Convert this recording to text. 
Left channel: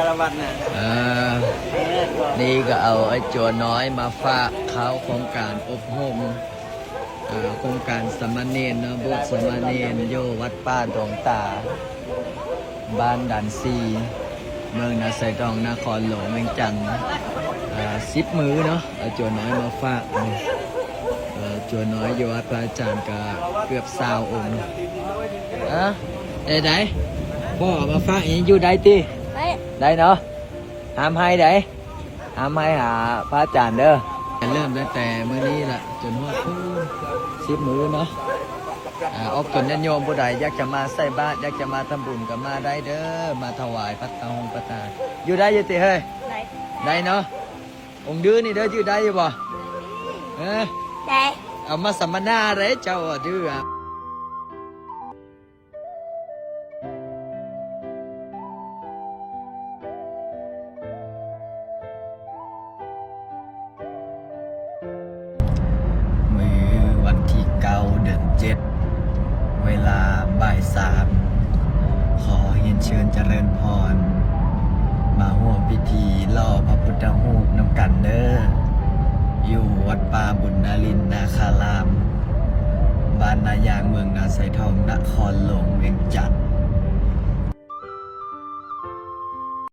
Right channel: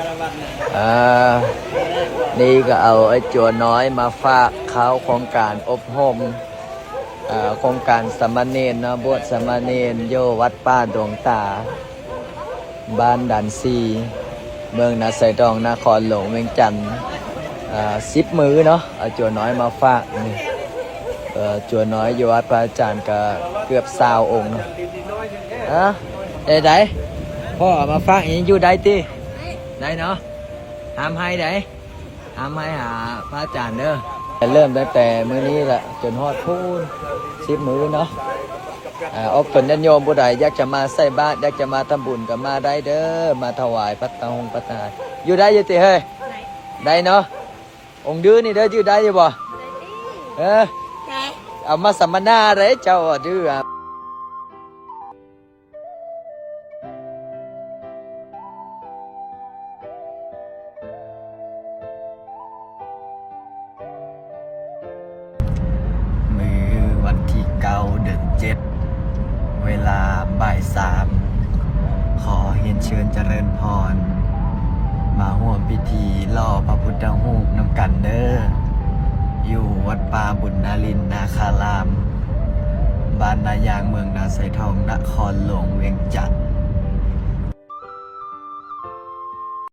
ารวัตรนะนี่ก็เอาไอ้จัวน้อยมาฝากเขาโครงการอบรมโครงการสามเณรนะบวชสามเณรโยวัดป้าดงตาบ้านดันซีเมืองนาไซดองนครหลวงเวียงจันทน์10 มื้อเนาะเอาจัวน้อยมาฝากจัวน้อยอยู่วัดพระอาจารย์ก็เกือบ20 องค์ได้พ่อเอามาฝากเองอยู่ได้ติได้เนาะห้ามให้ได้ห้ามให้หาพระอาจารย์เด้อเริ่มตั้งแต่มื้อนี้แหละจนฮอดพูน10 มื้อเนาะเป็นญาติโยมผู้ใดอยากจะมาใส่บาตรอยากจะมาทำบุญก็มาได้เด้อมาถวายพระตองพระตาอยู่ได้อยู่ติเฮ้ยได้เนาะองค์ดื้อนี่ได้อยู่ได้อยู่บ่เอามาสัมมนาเลยเจ้าดื้อมือวันที่9 เดือน 7เวลาบ่าย 3ขอเรียนเชิญเจริญพรมาร่วมพิธีล่อพระพุทธรูปนำกันเด้ออยู่วัดป่าบุญนารินนาคารามบ้านนายางเมืองนาไซทองนครหลวงเวียงจันทน์